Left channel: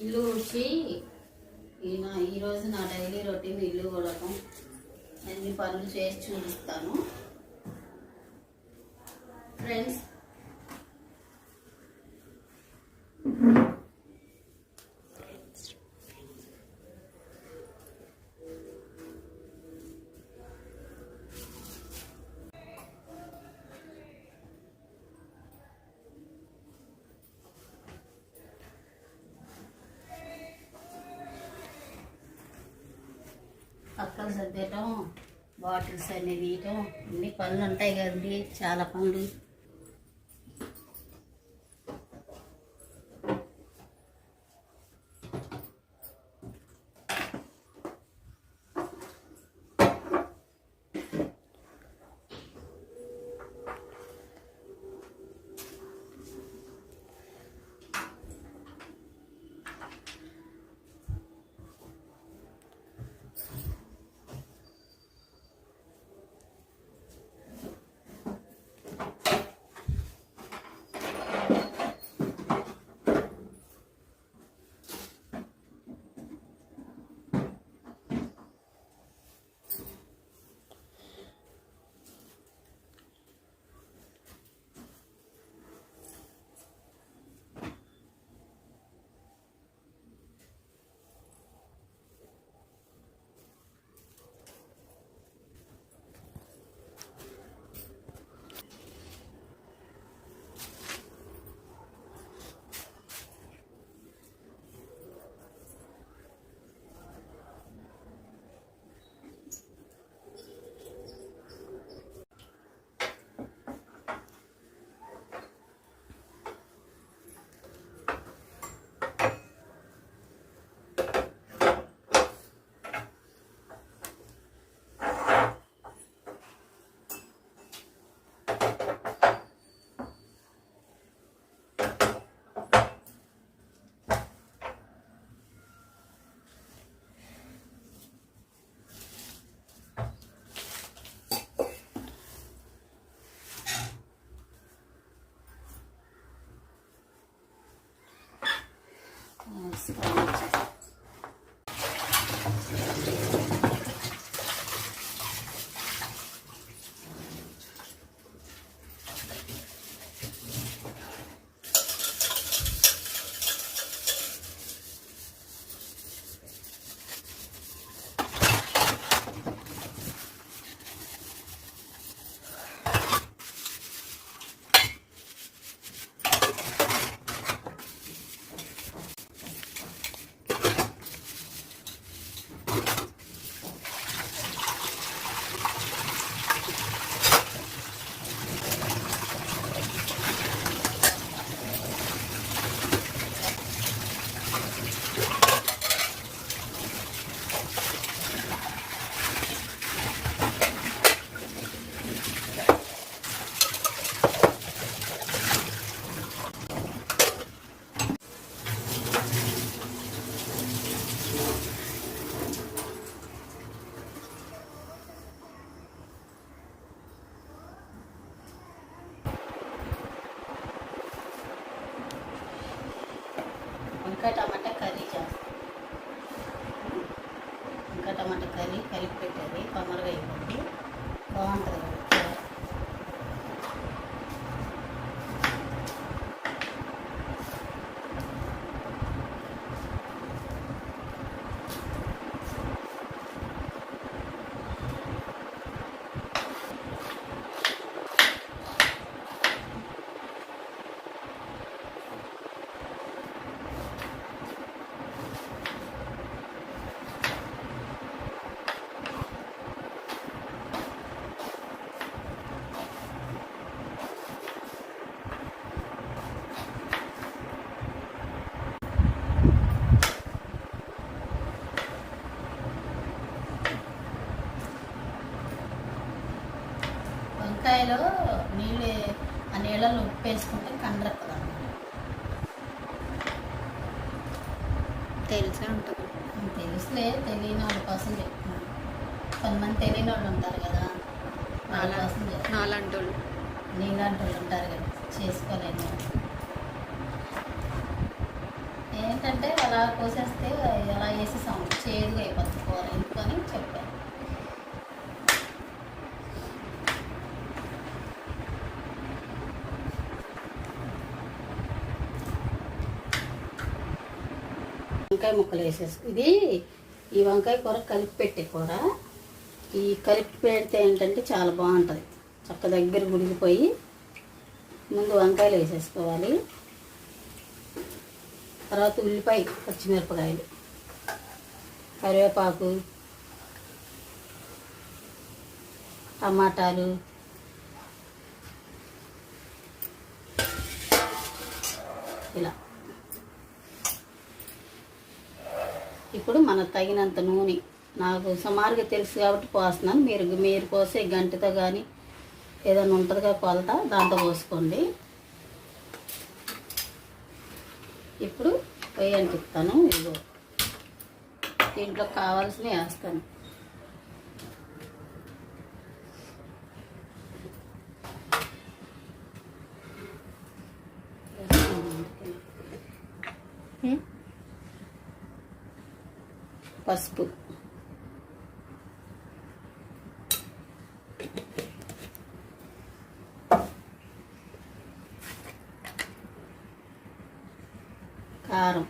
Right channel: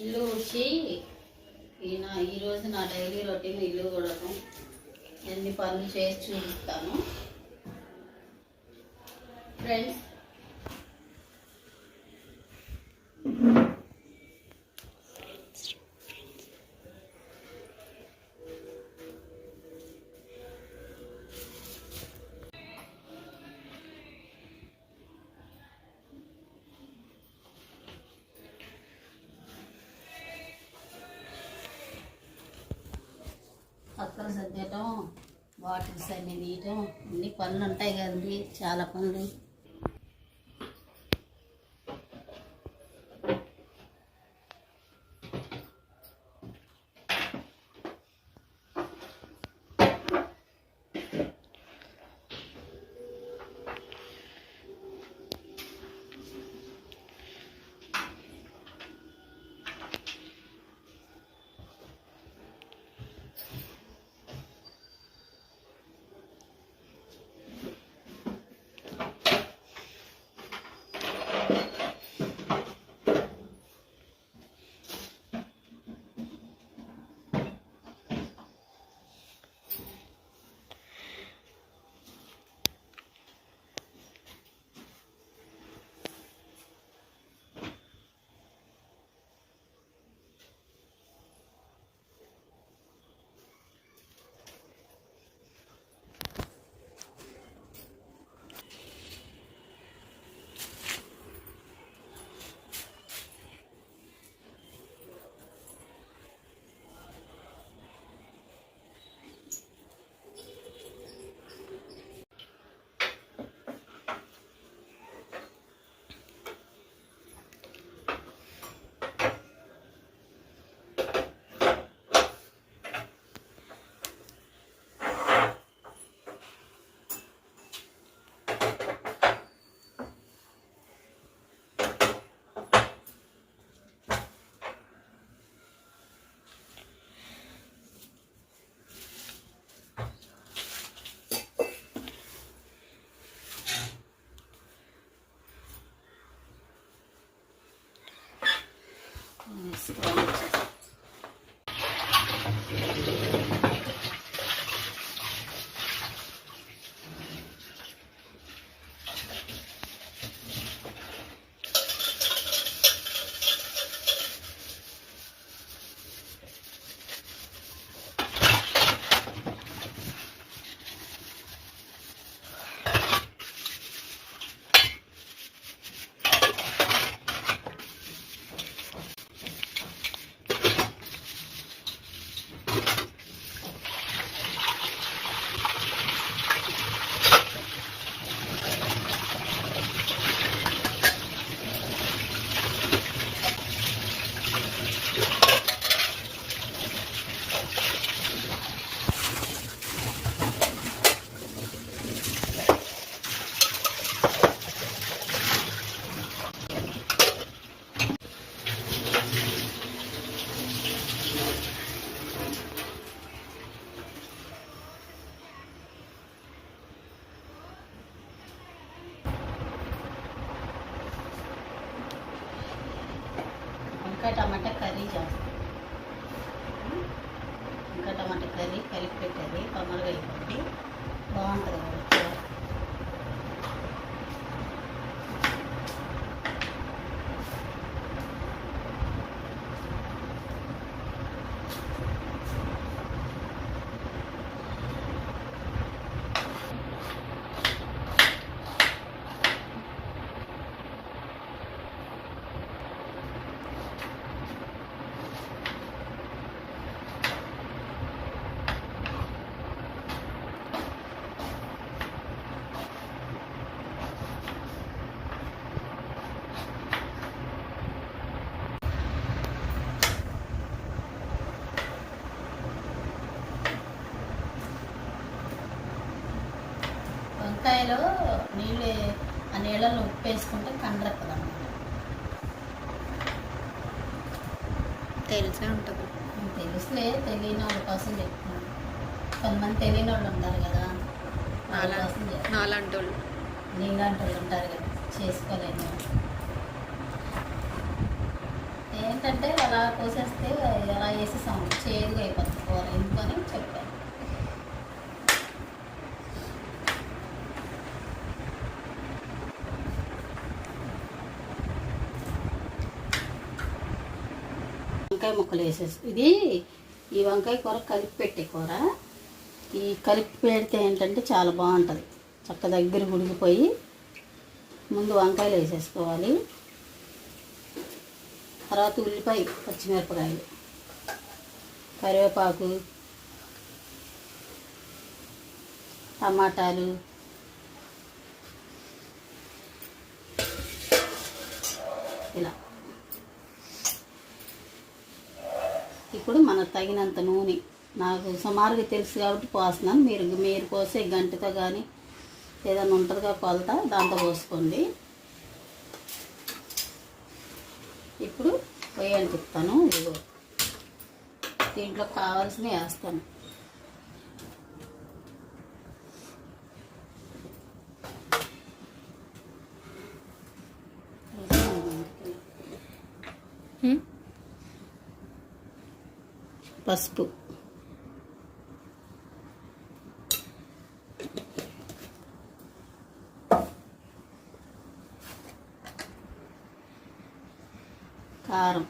ఇల్లు ఊడ్చి ఈయన ఈరోజు నా డైలీ రొటీన్ ఇల్లు కూడకం ఎన్ని పనులు చేసి చూపిస్తాను. ఫ్రెండ్స్ పక్కన సర్దేయటం బాటిల్స్ అన్ని తీయటం అన్ని పనులు ఉంటాయి కదండి చాలా పనులు. వంకాయలో నీళ్ళు ఆ నీళ్ళలో ఉప్పు వేసుకుంటే కండ్రత్తది తెలిసే ఉంటుంది తెలుసులే తెలియని వాళ్ళ కోసం చెప్తున్నాను కొంతమంది తెలియని వాళ్ళు ఉంటారు కదా వాళ్ళ నాలా కోసం నాలాంటి వాళ్ళు నీలాంటి వాళ్ళు ఉంటారు కదా చేసుకోలేను. ఏంటంటే అలా కోసేస్తే అలా వేసేసాం చేదుగా అయిపోతుంది కూర. ఎందుకని చెప్పాను వంకాయ ముక్కలు వేసేసి ఇది ఈ వంకాయ కూర కలిపి పెట్టే కూర. ఈ కలిపి పెడితే ఏంటంటే చాలా బాగుంటుంది. చక్క దగ్గర గుడిగిపోయి ముందు వంకాయలు వేసేసుకోవాలి. తర్వాత ఉల్లిపాయ పచ్చిమిరపకాయలు కరివేపాకు టమాటాలు ఇలా. మనకు తగినంత నూనె. నాకు సుమారుగా తెలుసు కాబట్టి పోస్తున్నాను. మీరు మీరు కోసే గంటతో కానీ ఏదైనా ఉంటుందిగా కొలత దాంతో పోసుకోండి. ఇప్పుడు వేయని చెప్తాను. ఇదిగో. దీంట్లో కావాల్సినవి వేస్తాను. పసుపు. కారం.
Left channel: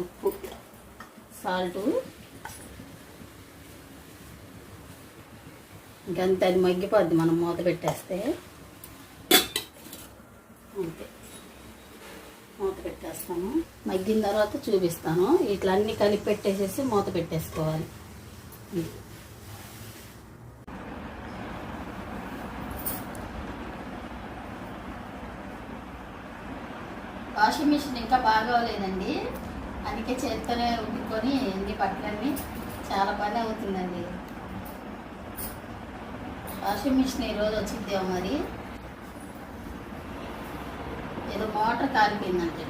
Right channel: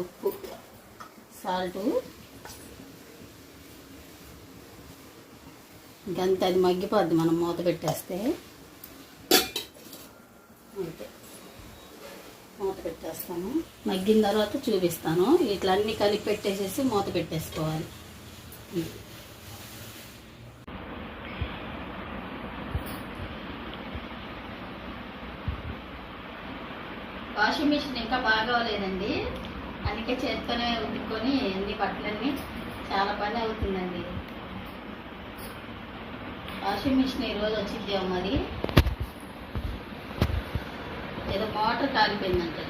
ఉప్పు సాల్టు. ఇంకంతే అది మగ్గిపోద్ది మనం మూత పెట్టేస్తే. అంతే. మూత పెట్టేస్తాను. మగ్గిన తర్వాత చూపిస్తాను. ఇట్లా అన్ని కలిపి పెట్టేసేసి మూత పెట్టేసుకోవాలి. వాషింగ్ మిషన్ ఇంకా బాగోలేదండి అందుకే చేతితోనే ఉట్టుకొని అన్ని బట్టలన్నీ చాలా పని అవుతుందండి. వాషింగ్ మిషన్ ఈరోజు వచ్చిద్దేమో మరి? ఏదో మోటార్ కాలిపోయిందంటే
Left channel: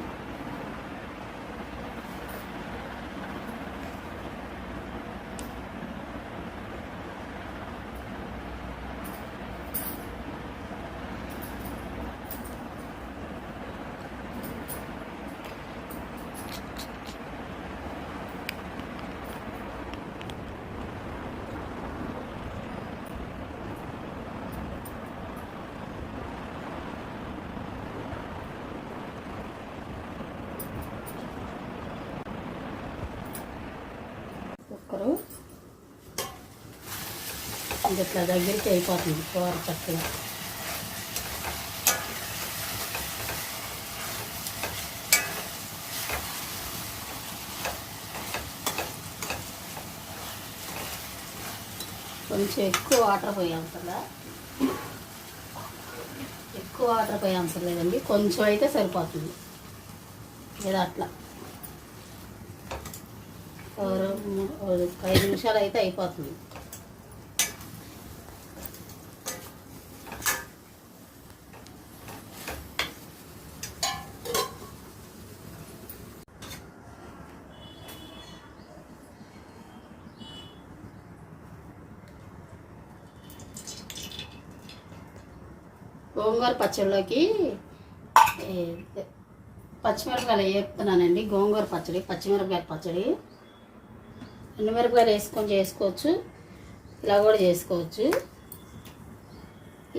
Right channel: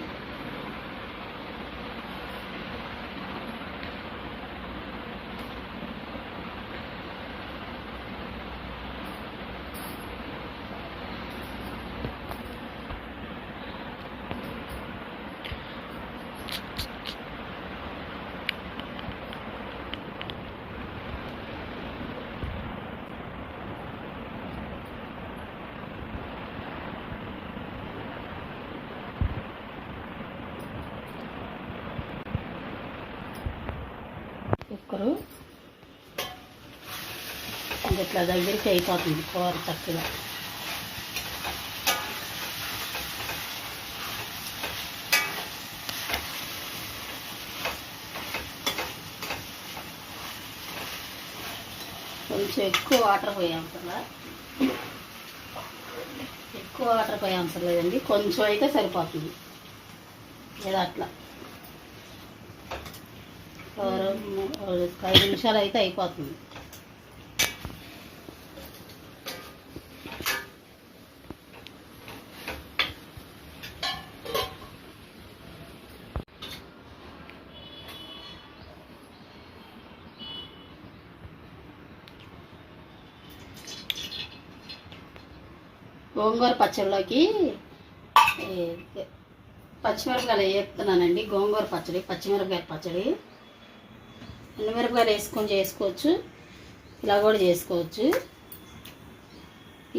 ఇది ఇట్లా దగ్గరికి అయిపోతుంది కూర చక్కగా. కొంచెం ఎక్కువ వాటర్ పోయాం కదా. ఎక్కువ వాటర్ పోయే అవసరం లేదండి కొంచెం అయితే సరిపోతుంది. లేదా అట్లా. ఒక ఐదు నిమిషాలు అయితే అయిపోతుంది. గోంగూర పచ్చడిలోకి పచ్చిమిరపకాయలు వేపుతున్నానండి గోంగూర పచ్చడి పచ్చిమిరపకాయ పచ్చడి. ఎండుమిరపకాయలు వేసుకొని చేసుకోవచ్చు ఇలా కూడా చేసుకోవచ్చు.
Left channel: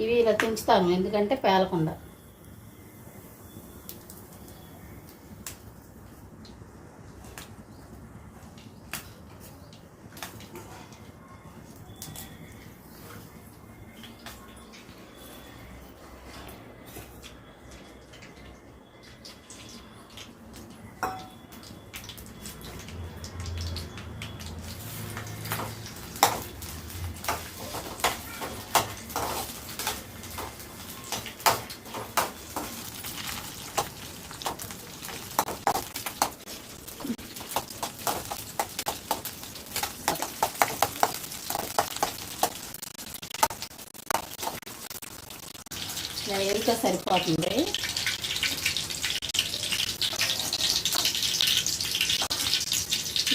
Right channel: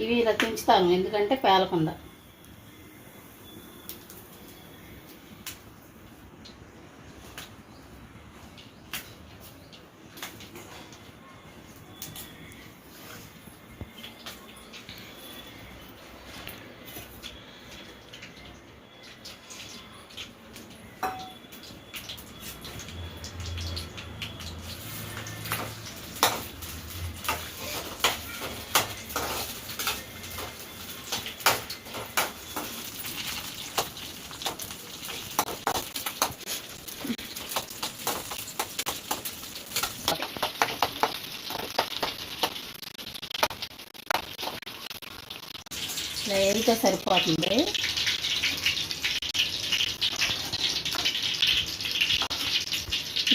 ఇవి ఇలా తుంచుతాను ఎందుకంటే పేలకుండా. కొద్దిగా సరిపోతుంది.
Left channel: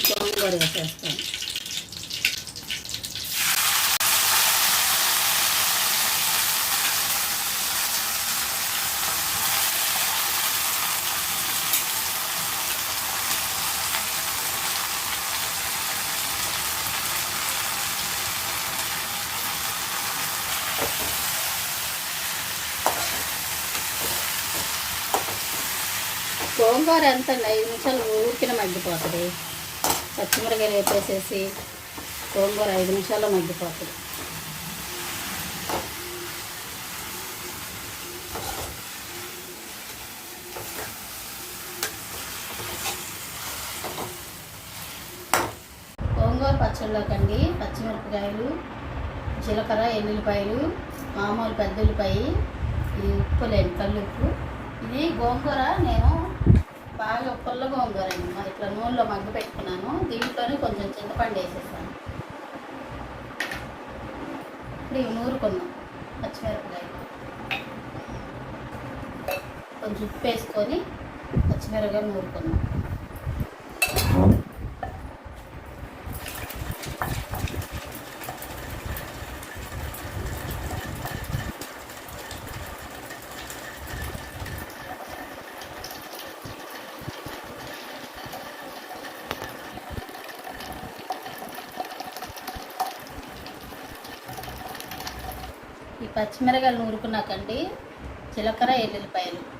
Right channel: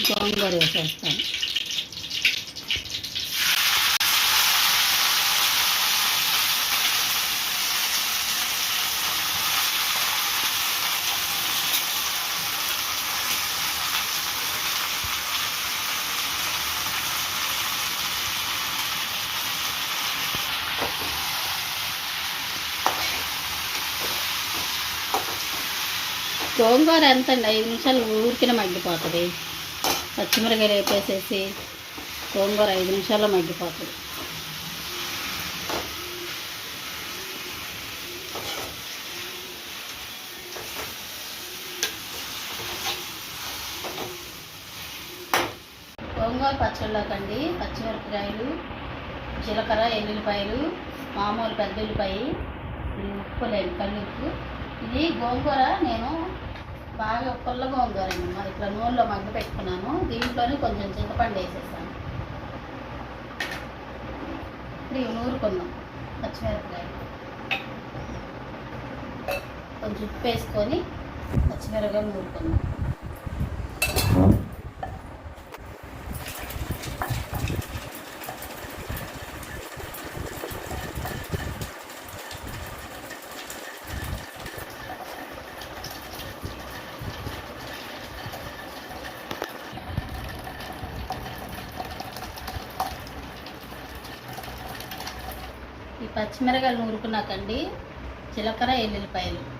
గోంగూర వేసేస్తాను. గోంగూర ఎంత అండి ఐదు నిమిషాలు ఊరికిన మగ్గిపోతుంది. పచ్చిమిరకాయలు వేపేసేసి గోంగూర ఐదు నిమిషాల్లో మగ్గిపోతుంది. గోంగూర పచ్చళ్ళకండి. పచ్చిమిరపకాయలు జీలకర్ర ఎల్లుల్లిపాయలు మామూలు పెద్ద ఉల్లిపాయ ఇది ఉప్పు లేని కల్లుప్పు. ఇది గోంగూర నేను బాగా పుల్లగా ఉందోరండి అండి మరి ఇట్లా నూనెలో మగ్గ పెట్టుకున్నాను. దీంట్లోనే కొంచెం చింతపండు వేసేసాను. ఇప్పుడు ఇవి నూరుకున్నాం. పచ్చిమిరపకాయలు. కొంచెం ఉప్పు వేసుకొని పచ్చిమిరపకాయలు నూరుకున్నాం. పచ్చిమిరకాయలు నూరుకున్నాకండి. జీలకర్ర ఎల్లుల్లిపాయలు.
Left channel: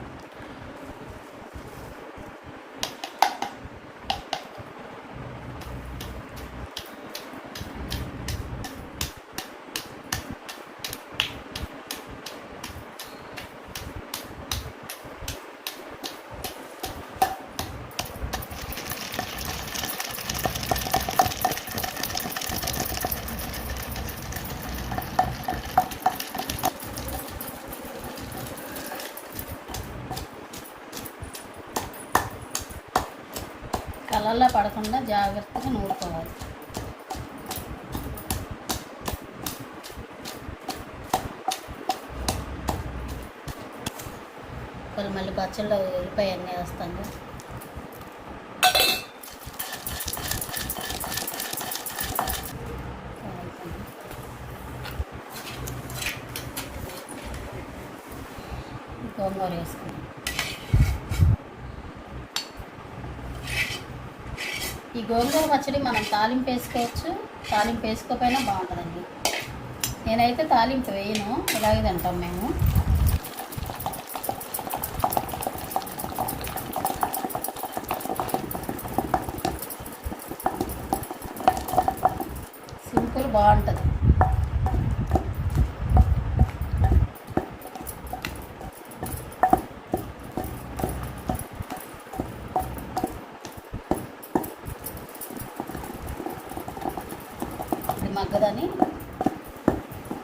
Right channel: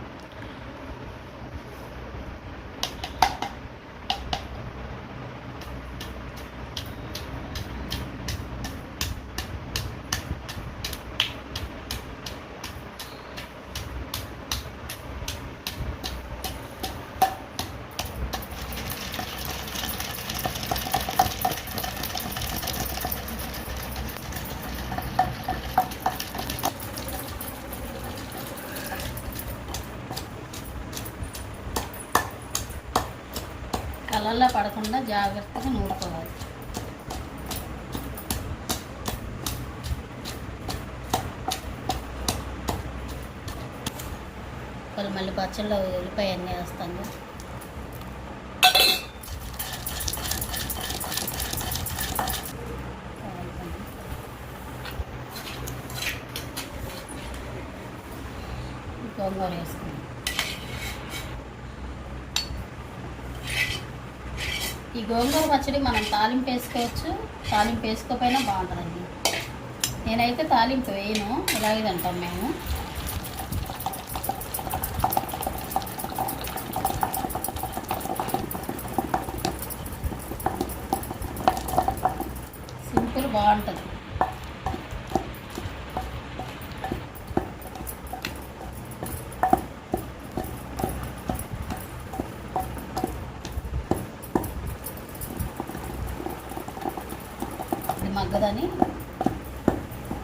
కలర్లో పడకుండా జాగ్రత్తగా నూరుకోవాలి మరి మళ్ళీ పచ్చళ్ళు ఉల్లిపాయ ఎన్న వేస్తాను గోంగూర వేస్తాను ఈ గోంగూర పచ్చడి మనం తాలింపు వేసుకోవచ్చు. తాలింపు వేసుకోకపోయినా బాగుంటుందండి. నేనైతే తాలింపు వేయను. ఇలాగే అంటాం మేము సింపుల్ బాగుంటుంది ఇది మగ్గదని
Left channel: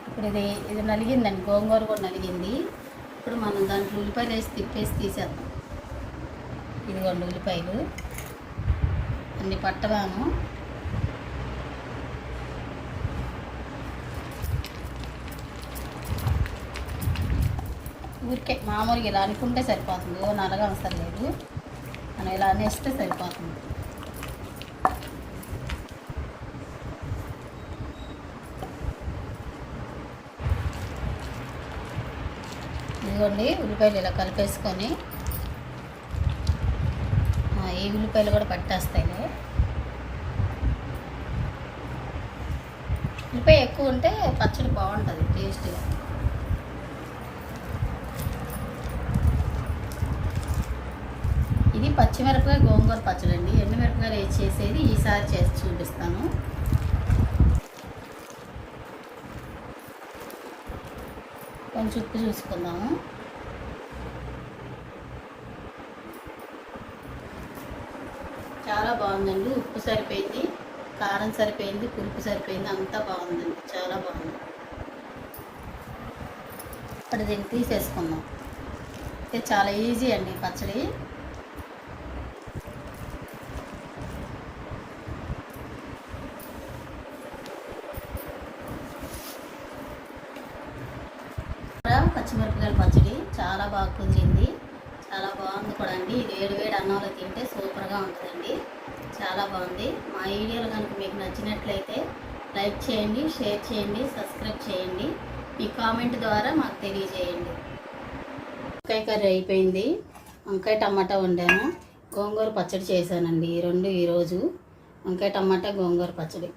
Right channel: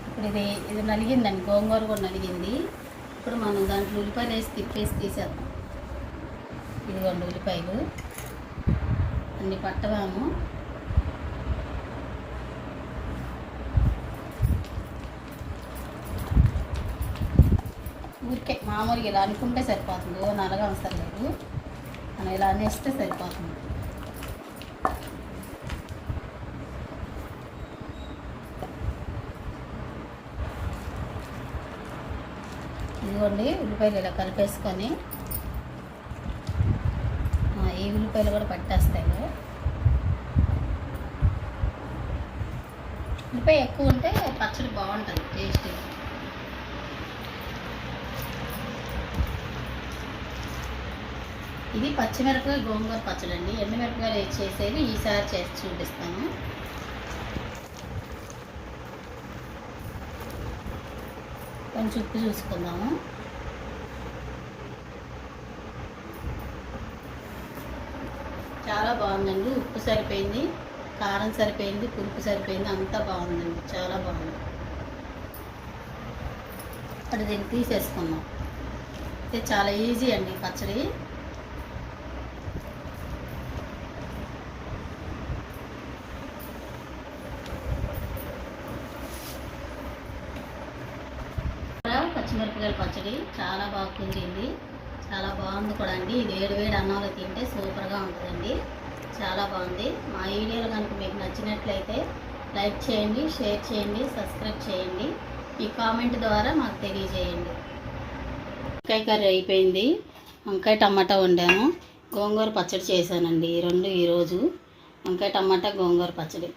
ఇప్పుడు ఇది ఇది నలిగిందండి గోంగూర కూడా నలిగింది. ఇప్పుడు మనం దాంట్లో ఉల్లిపాయలు వేసి తిప్పేసి తీసేద్దాం. ఇదిగోండి ఉల్లిపాయలు. అన్ని పట్టవాము ఊరికే మామూలుగా ఇలా అనుకుంటే సరిపోతుంది ఓ నలగా అవసరం లేదు. మనం ఇలా అనేస్తే సరిపోతుంది. ఇదిగోండి ఉల్లిపాయలు ఇలా కలిపేసుకొని. ఈ ఉల్లిపాయలు కూడా పట్టేస్తాయి ఉల్లిపాయ ఎక్కువ ఉంటే పచ్చడి బాగుంటుంది టేస్ట్ ఇది పచ్చిమిరపకాయ గోంగూర పచ్చడి అండి ఎండుమిరపకాయలు వేసి చేసేది ఈసారి చేసి చూపిస్తాను. కొంచెం ఉప్పు చూసుకుందాము. చాలా బాగుందండి ఉప్పు సరిపోయింది కారం సరిపోయింది పులుపు సరిపోయింది అంతా బాగుందండి చాలా బాగుంది. ఇప్పుడు దీన్ని తీసేసుకుందాం. ఇది చాలా ఈజీ అండి పచ్చడి. పచ్చిమిరపకాయల పచ్చడి చాలా బాగా కుదిరింది. చాలా బాగుంది కూడా అండి. ఇది వేడి వేడి అన్నంలో తింటే సూపర్గా ఉంటుందండి. చాలా బాగుంది. మా వీడియోలు కనుక మీకు నచ్చినట్లయితే లైక్ చేయండి షేర్ చేయండి సబ్స్క్రైబ్ చేయండి. ఈ కామెంట్ ద్వారా మాకు తెలియజేయండి. వంకాయ కర్రీ అయిపోయింది. వంకాయ టమాటా వండాను. గోంగూర పచ్చడి చేశానండి. ఈ రెండు ఈరోజు. వంకాయ టమాటా గోంగూర పచ్చడి.